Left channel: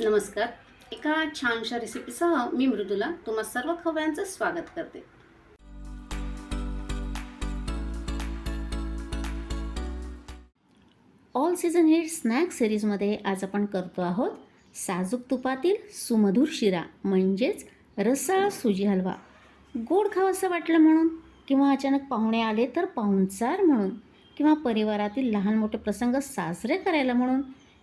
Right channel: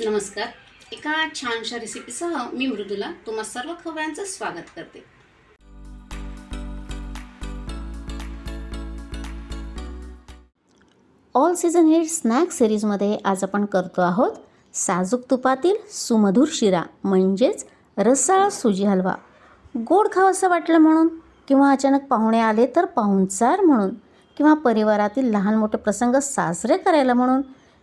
नमस्कार. एका छानशा रेसिपीसह मी मृदुला तुम्हा सर्व खवयांचं स्वागत करते. ऑल सीझन हिट स्नॅक सिरीजमध्ये आज आपण करतो आहोत साजूक तुपातील सुमधुर शिरा म्हणजेच रसाळ सुजी हलवा. गोड खावंसं वाटलं म्हणून किंवा अचानक पाहुणे आले तर पाहुणचार म्हणून किंवा परिवारातील लहान मोठे प्रसंग साजरे करायला म्हणून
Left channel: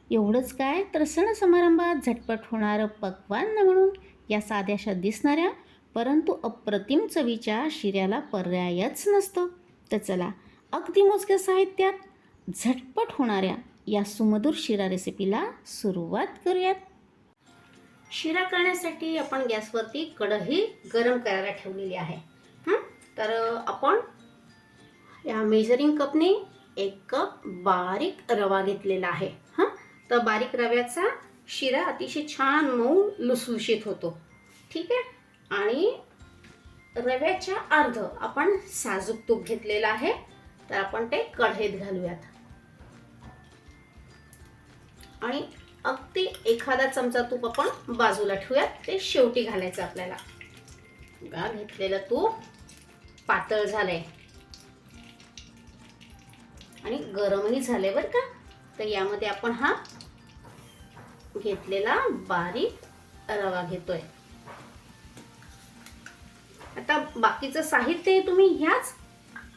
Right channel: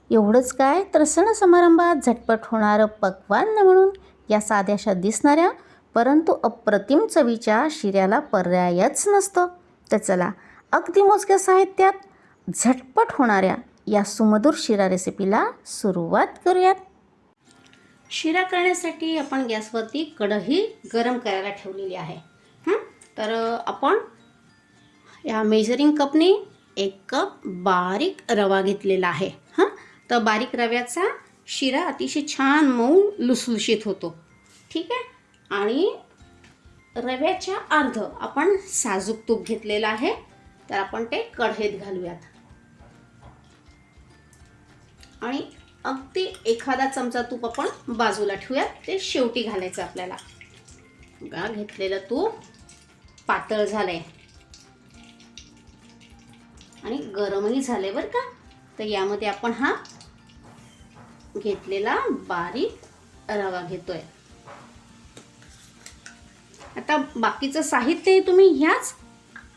एवढंच काय? तर सण समारंभात झटपट होणारं पक्वान्न म्हणून या साध्याशा दिसणाऱ्या परंतु अप्रतिम चवीच्या शिऱ्याला पर्यायच नसतो. तर चला अगदी मोजक्या साहित्यात झटपट होणाऱ्या या सुमधुर शिरा रेसिपीला सुरुवात करूयात. शिरा करण्यासाठी आपण गॅसवरती कढई गरम करायला ठेवलेली आहे. तर आपण या मेजरिंग कपने एक कप बारीक रवा घेतलेला आहे. हां? तर बारीक रव्याचा शिरा अतिशय छान मऊ लुसलुशीत होतो. ठीक आहे? आणि रव्याच्या अर्ध आपण साजूक तूप घेतलेलं आहे. तर आपण ते कढईत घालूयात. आणि अगदी एखादा चमचा तूप आपण बाजूला ठेवूयात. ते शेवटी घालायचं आपल्याला. बघा घेतलेलं तूप पातळ झालंय. आणि गरमही झालंय बरं का? तर यामध्ये आपण हा घेतलेला बारीक रवा घेतोय. आता बाकीचं साहित्य तुम्ही ह्याच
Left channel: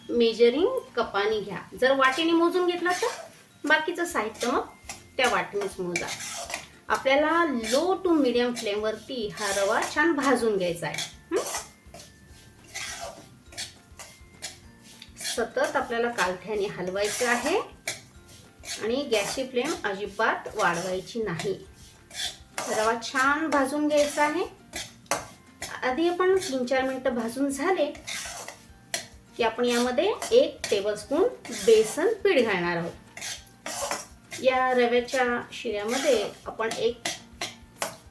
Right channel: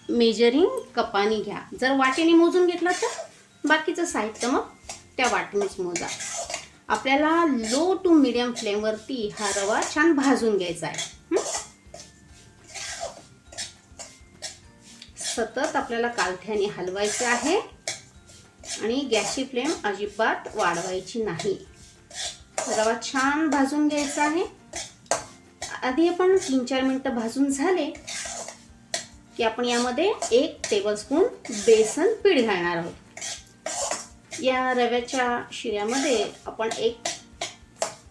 मेजरिंग कपाने घ्या. जर वाटीने मोजून घेतला तर बाकीचं साहित्य मग त्या वाटणीच मोजा. आपल्याला लो टू मिडियम फ्लेमवरती हा रवा छान भाजून घ्यायचा आहे. सतत आपल्याला कालथ्याने हलवायचं आहे. आणि गॅसची फ्लेम अजिबात वाढवायची नाही. रवा छान भाजून घ्यायचा आहे. आधी आपण तीन चार मिनटं भाजून झाले की आपण यामध्ये एक टेबलस्पून बेसन पीठ घालणार आहोत. या रव्याच्या शिऱ्यामध्ये आपण एक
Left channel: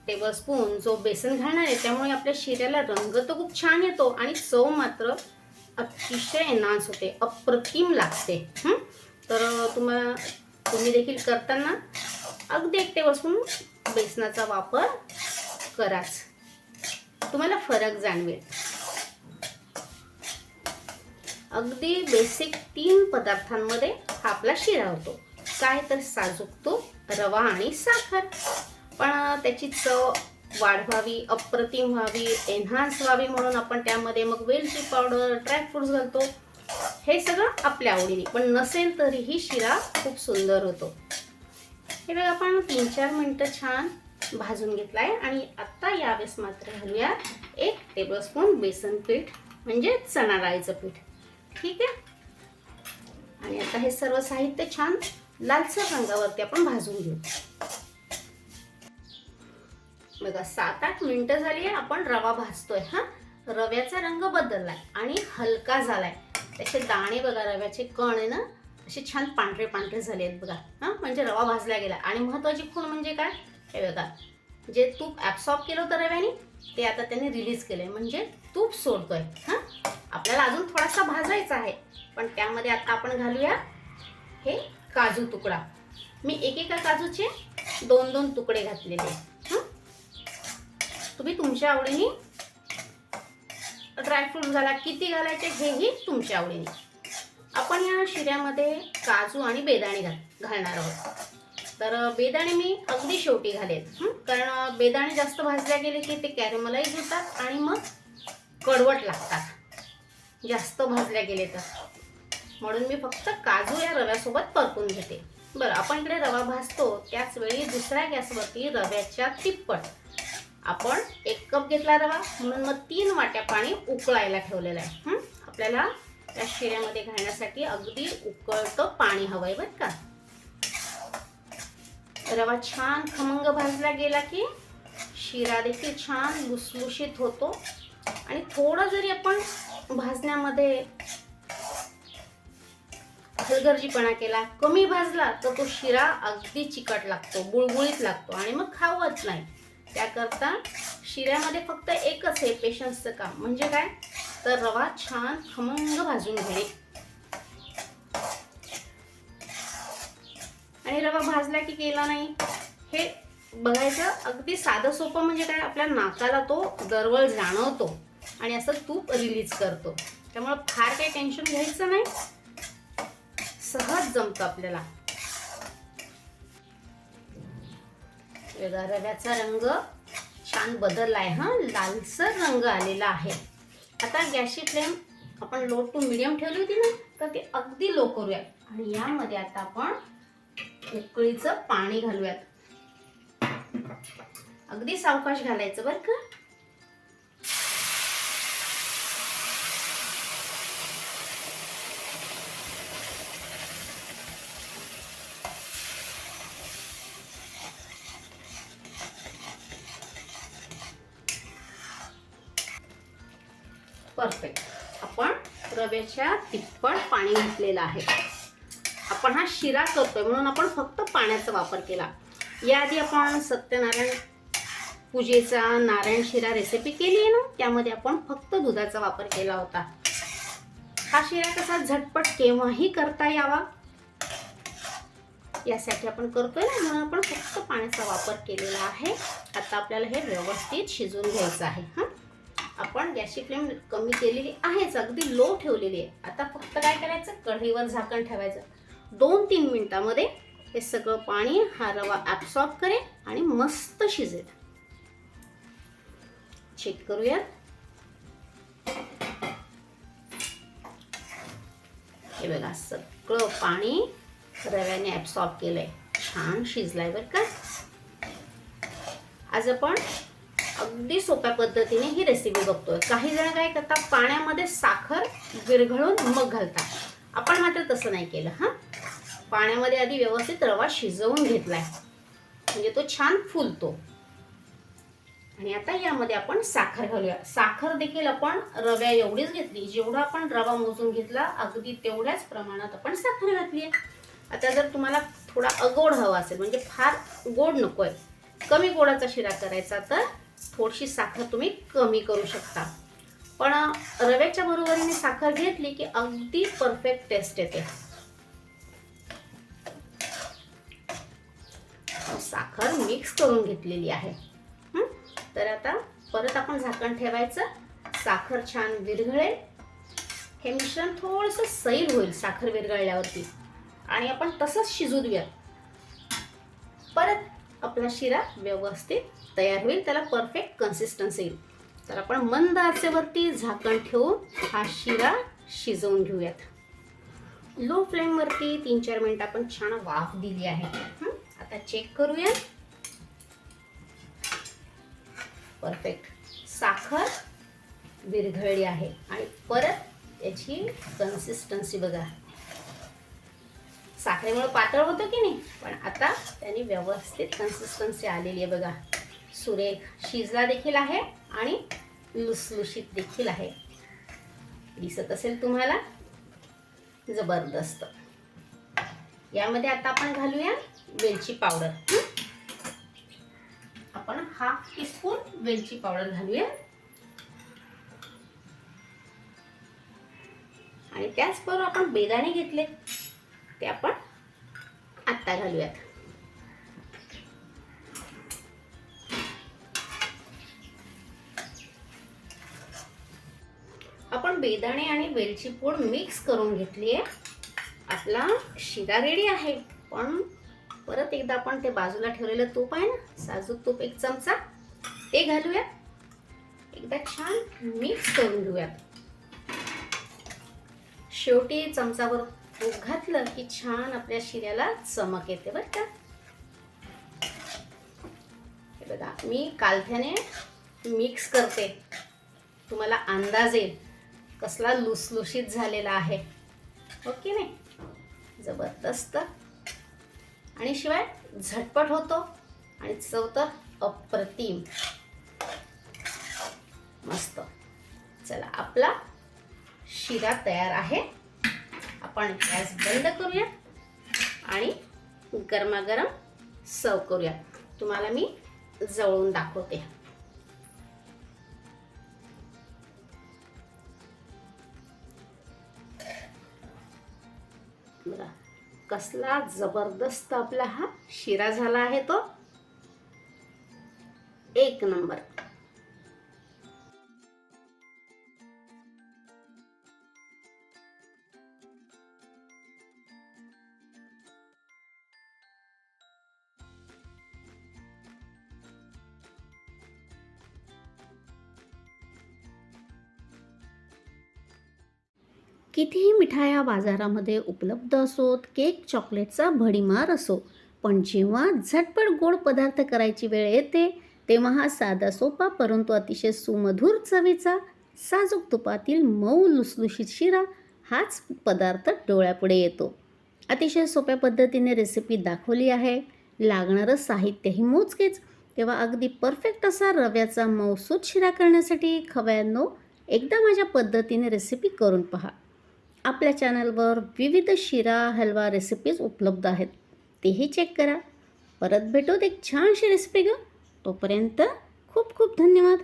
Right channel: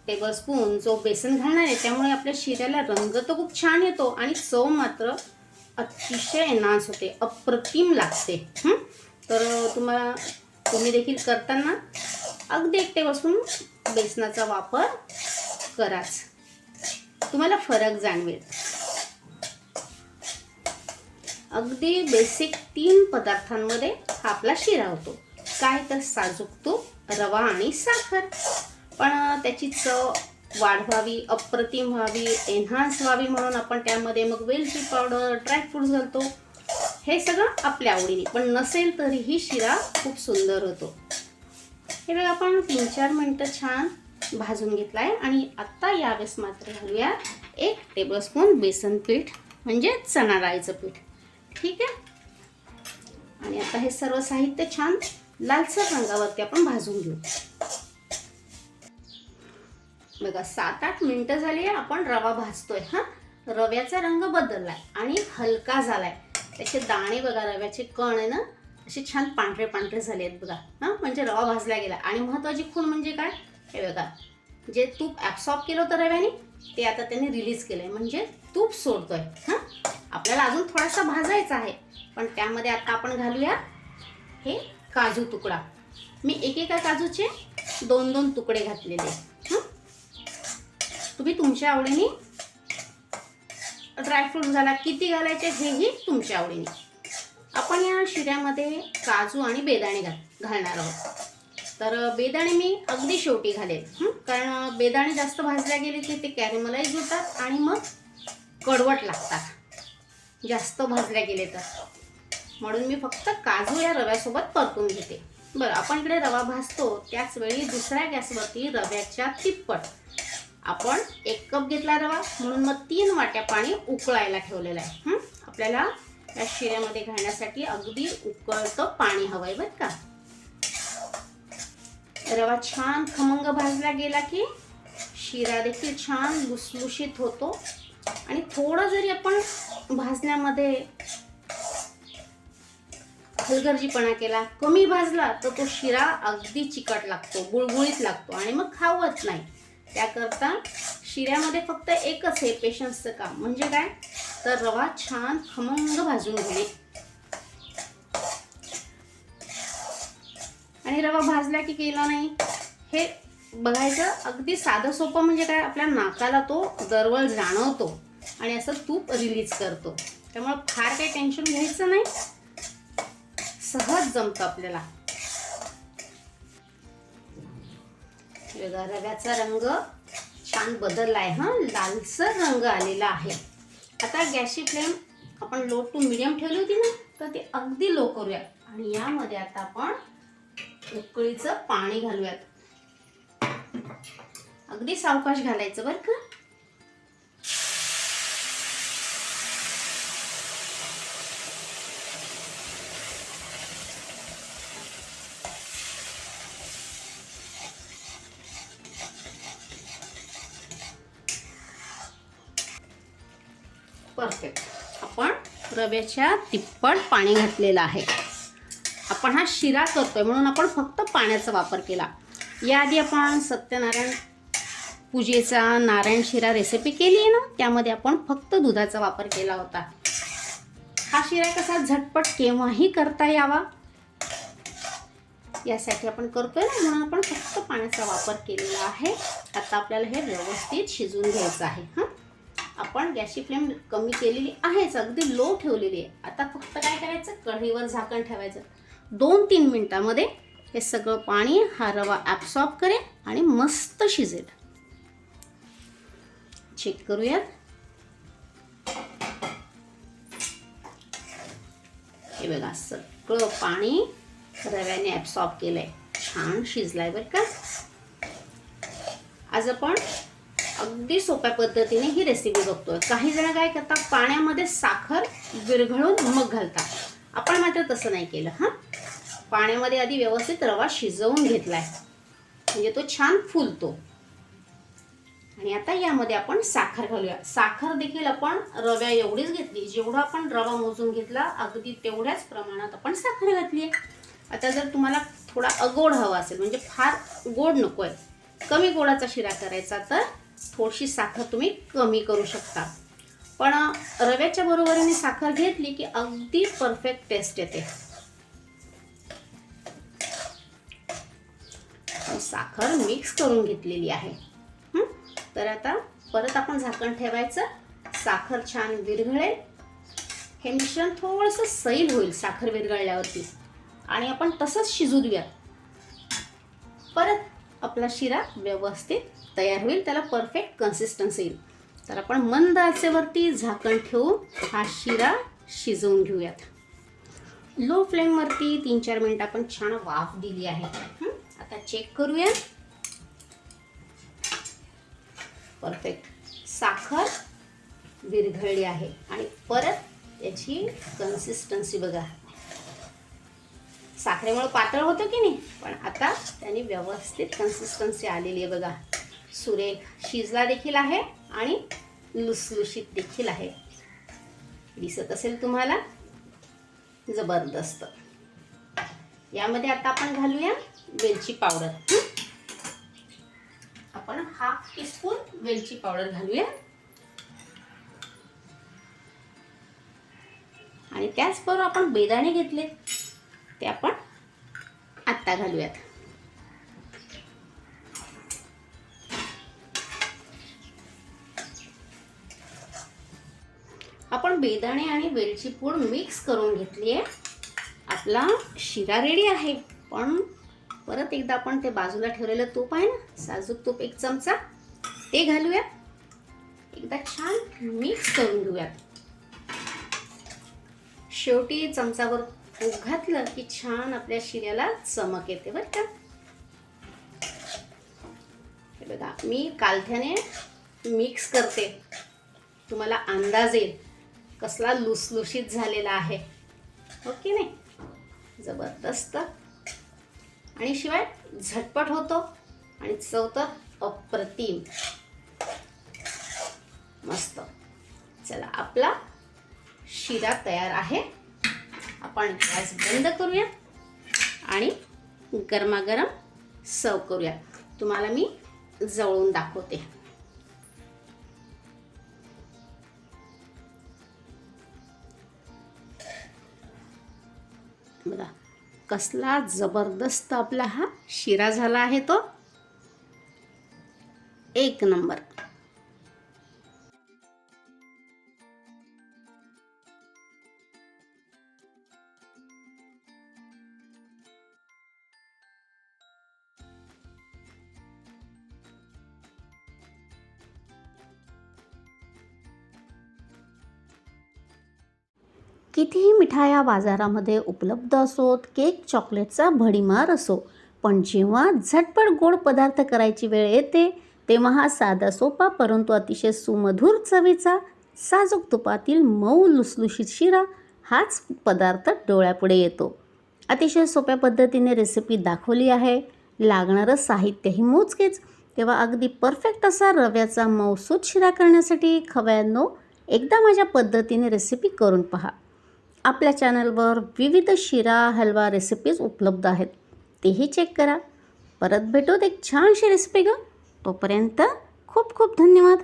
टेबलस्पून जो बेसन घालणार आहे त्यामुळे आपल्या शिऱ्याला रंग तर खूप छान येतो आणि चव मात्र अतिशय एनहान्स होते अप्रतिम लागते. तर तुम्हाला तुम्ही देखील करताना अगदी एकटे बसून बेसनाचा वापर कराच. तुम्हाला फरक जाणवेल. अगदी बेसिक तीन पदार्थांमध्ये हा आपला शिरा होतो. काय तर साजूक तूप रवा आणि साखर. पण त्याची चव वाढवावी अप्रतिम व्हावी एन्हान्स व्हावी म्हणून आपण त्यामध्ये मग वेलची पावडर ड्रायफ्रुट्स घालतो. हे सगळं आपल्या आवडीने. पण नसेल तरीही शिरा खूप सुंदर होतो. हे बघा आपण तीन चार मिनटं छान भाजून घेतला आहे आणि आत्ता यावेळेस मात्र घालूया एक टेबलस्पून बेसन पीठ म्हणजे चणा डाळीचं पीठ. ठीक आहे? आणि आता हे सर्व साहित्य छान लालसर रंगावरती आपण भाजून घेऊ. बघा सात आठ मिनटं झाली आहे आपण रवा भाजतोय हा? रव्याचा रंग बदललाय आणि हलका झालाय. त्याचे दाणे बघा रव्याचे कण आहे ना असे छान पांढरे पांढरे झाले आहेत बघा. हां म्हणजे रवा भाजला गेला. आणि महत्त्वाची खूण म्हणजे काय? हे बघा. जे तूप ॲब्सॉर्ब केलं होतं रव्याने ते आता त्यांनी रिलीज केलं आहे म्हणजे तूप सोडतो आहे हां? आपल्याला अजून थोडासा भाजायचा आहे. पण त्यामध्ये आता आपण घालूया हे काजू तुकडा. मी एकेका काजूचे दोन दोन तुकडे घातलेले आहेत. तुम्ही तुमच्या आवडीने ड्रायफ्रूट घाला किती घालायचे हेही तुमच्या आवडीने. आपण या शिऱ्यामध्ये काजू आणि बेदाणे घाल घालणार आहोत. तर बेदाणे मी अगदी शेवटी घालेल कारण बेदाणे जास्त भाजल्या गेले की ते कॅरेमलाईज होतात आणि मग कडवट लागतात. जास्त भाजल्या गेले तर. म्हणून मी फक्त काजू या रव्यासोबत परतून घेते. बरं आपण इकडे रवा भाजतो त्याचवेळी दुसऱ्या गॅसवरती रव्याच्या तिप्पट. आपण एक कप घेतला रवा म्हणून मग तीन वाट्या पाणी उकळायला ठेवलेलं आहे. आपल्याला त्या शिऱ्यामध्ये घालण्यासाठी अगदी उकळतं पाणी हवं आहे बरं का? रवा छान खमंग भाजला गेला की शिरा देखील छान लुसलुशीत होतो. आणि थोडं जरी आपण भाजण्यामध्ये हलगर्जीपणा केला कमी भाजला तर तो शिरा अगदी चिकट लागतो गुळगुळीत लागतो आणि मग खावत नाही. त्याकरता शिऱ्यामध्ये फक्त एकच आहे पेशन्सचं काम. म्हणजे काय? तर रवा छान खमंग भाजून घे. आणि रवा भाजला की केला नाही? हे बघायचं अगदी साधं सोपं म्हणजे काय? आपल्या नाकाला तो दरवळ जाणवतो आणि असं तूप रिलीज करतो. त्यामुळं फार काही टेन्शन घ्यायचं नाही. सहज जमतं आपल्याला. बघा रव्याचा रंग छान बदललाय हा. लालसर रंग आलेला आहे. आता गॅसची फ्लेम आपण लो टू मिडियम ठेवली होती ना तर ती अगदी लो करूया आणि यामध्ये आता आपण उकळीचं पाणी घालूयात. अगदी सावकाश घालायचं बरं का. परफेक्ट आपण रव्याच्या तिप्पट पाणी घातलेलं आहे. आपण हा शिरा करतोय म्हणून आपण फक्त पाण्याचा वापर केला. याआधी आपण सत्यनारायण पूजेचा नारायण शिरा रेसिपी केली आहे ना त्यामध्ये आपण फक्त दुधाचा वापर केला होता. हा शिरा कसा झटपट केव्हाही करता यावा. यासाठी आपण करतोय ना म्हणून आपण फक्त पाण्याचा वापर केलेला आहे. आता आपल्याला हे व्यवस्थित शिजून घ्यायचं आहे हां. आपण गॅसची फ्लेम कमी केलेली आहेच अगदी लो ठेवलेली आहे. आता फक्त काय करायचं? कढईवर झाकण ठेवायचं. दोन तीन मिनिटामध्ये हे सगळं पाणी हा रवा ॲब्सॉर्ब करेल आणि मस्त शिजेल. चेक करूयात. हे बघा सगळं पाणी रव्याने ॲब्सॉर्ब केलंय. छान शिजलाय बरं का. आज आपण अगदी सोप्या पद्धतीने ही रेसिपी बघतोय. काही जण काय करतात पाण्यामध्ये साखर विरघळून मग घालतात. आपण मात्र तसं नाही केलं हां? पाण्यामध्ये आधी व्यवस्थित रवा शिजवून घेतलाय. म्हणजे तो छान फुलतो. आणि आता यामध्ये आपण साखर घालूया. साखर देखील आपण रव्या एवढीच घेतली जेवढा आपण रवा मोजून घेतला अगदी तेवढ्याच प्रमाणात आपण साखर घातली आता जर तुम्हाला थोडा अगोड हवा असेल म्हणजे फार गोड नको आहे कमी गोडाचा शिरा करायचा तर थोडीशी साखर तुम्ही कमी करू शकता. पण रव्याच्या बरोबरीने साखर घेतली की अगदी परफेक्ट टेस्ट येते. साखर मिक्स करून घेतलेली आहे. तर आता परत आपण झाकण ठेवायचं. साखर छान विरघळेल. हे मिश्रण थोडंसं सैल होईल साखर विरघळल्यावरती. आणि आपण तसंच शिजू देऊया परत आपला शिरा व्यवस्थित तयार होईल त्याला परफेक्ट कन्सिस्टन्सी येईल. तर आपण मंद आचेवरती झाकण ठेवून हा शिरा शिजवून घेऊयात. लो फ्लेमवरती तीन चार मिनिट आपण छान वाफ दिली आहे. आता चेक करूया. परफेक्ट साखर विरघळली आहे आणि परत याची कन्सिस्टन्सी बघा. साखरेमुळे पातळ होतं की नाही? पण आता त्यांनी व्यवस्थित कन्सिस्टन्सी आलेली आहे बघा. सुरेख शिजला देखील आहे आणि लुसलुशीत देखील आहे. दिसत असेल तुम्हाला? जबरदस्त. यामध्ये आता आपण घालूया वेलची पावडर. आपण हाफ टीस्पून वेलची पावडर घालूया. आणि त्याचबरोबर आपण बेदाणे घेतले ते आपण आत्ता घालूयात. आपण बेदाणे आणि वेलची पूड मिक्स करून घेतली आहे आपला शिरा रेडी आहे. पण परत एकदा आपण ते बाजूला ठेवलेलं तूप आहे ना साजूक तूप एक चमचा ते घालूया एकदा छान मिक्स करून घेऊयात. शेवटी चमचावर तूप घातलं की छान आपल्या शिऱ्याला चमक येते बरं का? हे बघा मी कालथ्याने मिक्स करते. तुम्हाला अंदाज येईल कसला लुसलुशीत झालेला आहे. ओके की नाही? जबरदस्त. आणि शिवाय झटपट होतो आणि चव तर अप्रतिम. मस्त. चला आपला शिरा तयार आहे. आपण गॅस बंद करूया आणि गरमागरम सर्व करूया. तुम्हाला मी जवळून दाखवते. बघा कसला जबरदस्त आपला हा शिरा झाला आहे तो. एक नंबर. कितीही मिठाया बाजारामध्ये उपलब्ध असोत केक चॉकलेटचा भडीमार असो पण जेव्हा झटपट गोड पदार्थ करायची वेळ येते तेव्हा हा साधा सोपा परंतु अतिशय सुमधुर चवीचा साजूक तुपातील मऊ लुसलुशीत शिरा हाच पदार्थ डोळ्यापुढे येतो. अतिशय सोप्या पद्धतीने रेसिपी दाखवली आहे. लागणारं साहित्यही मोजकेच तेव्हा अगदी परफेक्ट असा रव्याचा मऊसूत शिरा करण्यासाठी खव्यांनो एकदा माझ्या पद्धतीने रेसिपी करून पहा. आपल्या चॅनलवर विविध शिरा हलवा रेसिपीज उपलब्ध आहेत. तेही चेक करा. परत भेटूत एक छानशी रेसिपी ग तोपर्यंत खूप खूप धन्यवाद.